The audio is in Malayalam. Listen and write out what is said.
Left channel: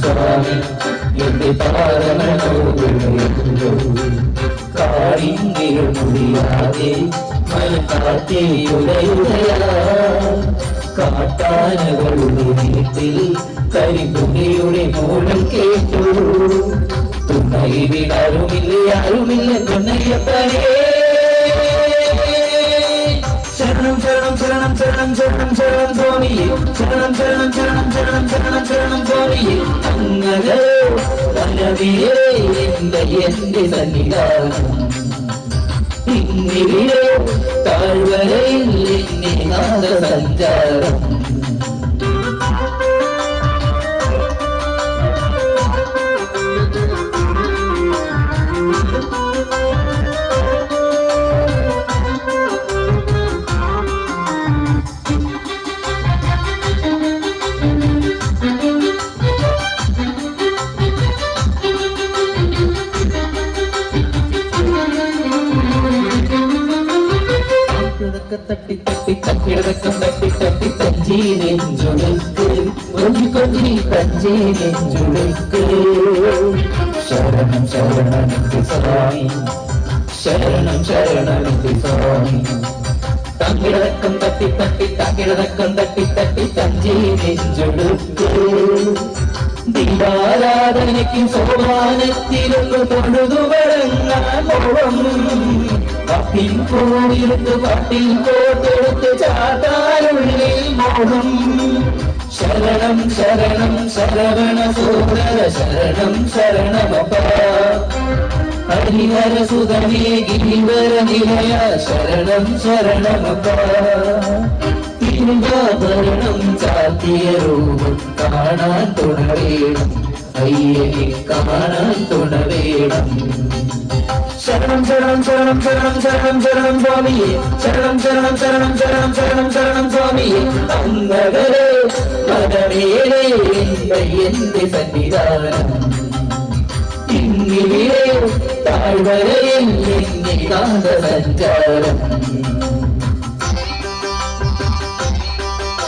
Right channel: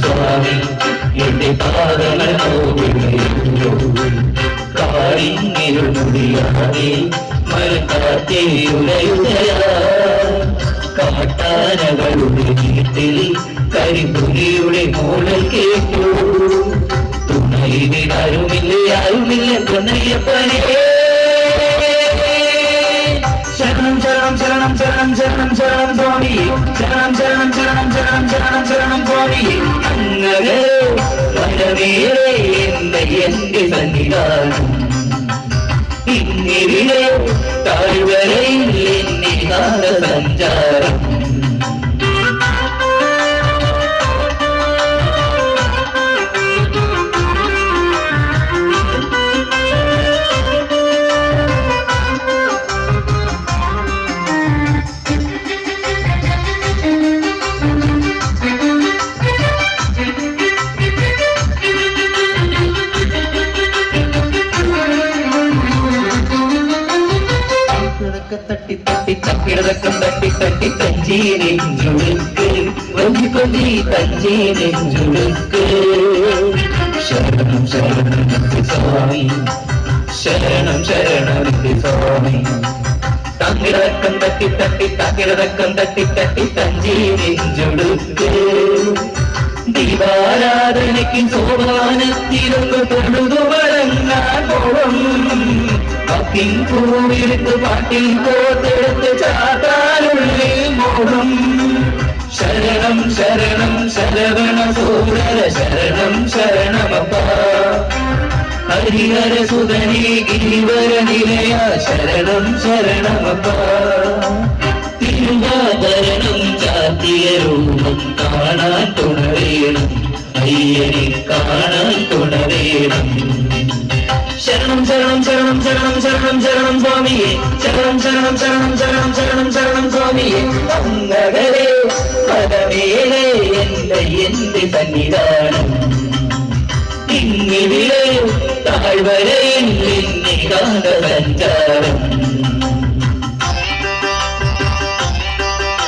സ്വാമി എന്റെ പാദങ്ങൾ കാടിങ്ങിരുമുടിയാതെ മരക്കാറ്റേ ഉലയുകയാ കാട്ടാനകളുടെ വീട്ടിൽ കരിപുലിയുടെ മൂളൽ കേട്ടു തുണയില് ആരുമില്ല തുണയപ്പനേ ശരണം ശരണം ശരണം ശരണം ശരണം ശരണം സ്വാമി ശരണം ശരണം ശരണം ശരണം ശരണം ശരണം സ്വാമി അങ്ങനെ വനമേറെ എന്റെ സന്നിധാനം ഇന്നിവിടെ താഴ്വരയിൽ എന്നെ നാട സഞ്ചാരം തട്ടി തട്ടി തക്കിടതക്കം തട്ടി തട്ടി തഞ്ചീനെഞ്ചുടുക്ക് കൊഞ്ചി കൊഞ്ചി തഞ്ചീനെഞ്ചുടുക്ക് ശരണം ശരണം സ്വാമി ശരണം ശരണം സ്വാമി തക്കിടതക്കം തട്ടി തട്ടി തക്കിടതക്കം തട്ടി തട്ടി തഞ്ചീനെഞ്ചുടുക്ക് ദീപാരാധനയ്ക്ക് സോപാനത്തിലൊന്ന് തൊഴുതു വഴങ്ങാൻ മോഹം ഭക്തിൻ പൂവിരുത്ത് പാട്ടിൽ കോർത്തെടുത്ത് ചാത്താനുള്ളിൽ മോഹം ശരണം ശരണം ശരവണ സൂരര ശരണം ശരണമപ്പ ഹരിഹര സുതനേ ഗിരിവര നിലയ ശരണം ശരണമപ്പ തിരുവാഭരണം ചാത്തിയ രൂപം കാണാൻ തുണവേണം അയ്യനെ കാണാൻ തുണവേണം ശരണം ശരണം ശരണം ശരണം ശരണം ശരണം സ്വാമിയെ ശരണം ശരണം ശരണം ശരണം ശരണം ശരണം സ്വാമിയെ അങ്ങകരെ പദമേലെ എന്റെ സന്നിധാനം ഇന്നിവിടെ താഴ്വരയിൽ എന്നെ കാന്ത സഞ്ചാരം